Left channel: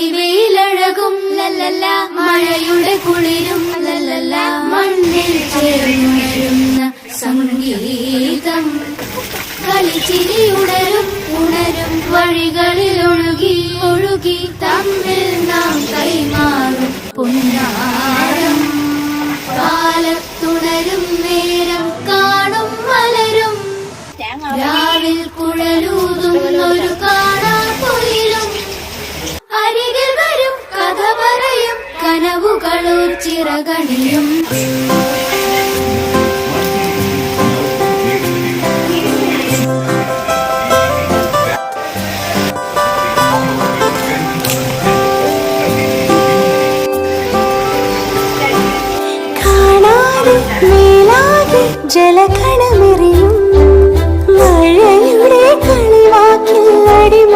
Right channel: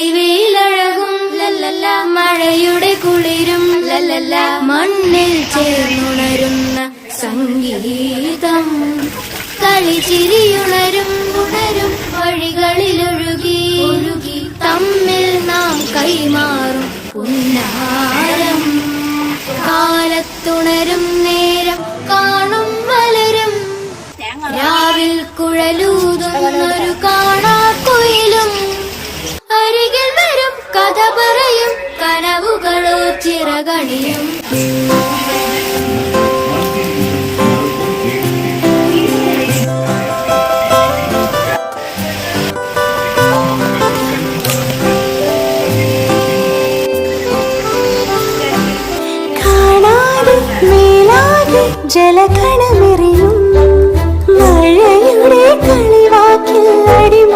പൊടിവെയിലഴകും ലല്ലല്ല, മഴയുടെ കുളിരും ലല്ലല്ല, മണ്ണിൽ ചേർന്നുണരുന്ന സംഗീതം. കളിച്ചിരിയുണരും ഉണരും വഴികളിലൊഴുകി ഒഴുകി തമ്മിൽ നാം കൈമാറും പൊന്നാരം. കാലത്തുണരും നേരം കാണും മലരും, രാവിൽ കുഴലൂതുന്നൊരു കാണാക്കുയിലും. അരികിൽ വരും കഥ പറയും കനവുകളോ ചിറകടിയും. മേലാകെ ജലകണമെറിയും മഴയുടെ കളിവാക്കിൽ അടിമ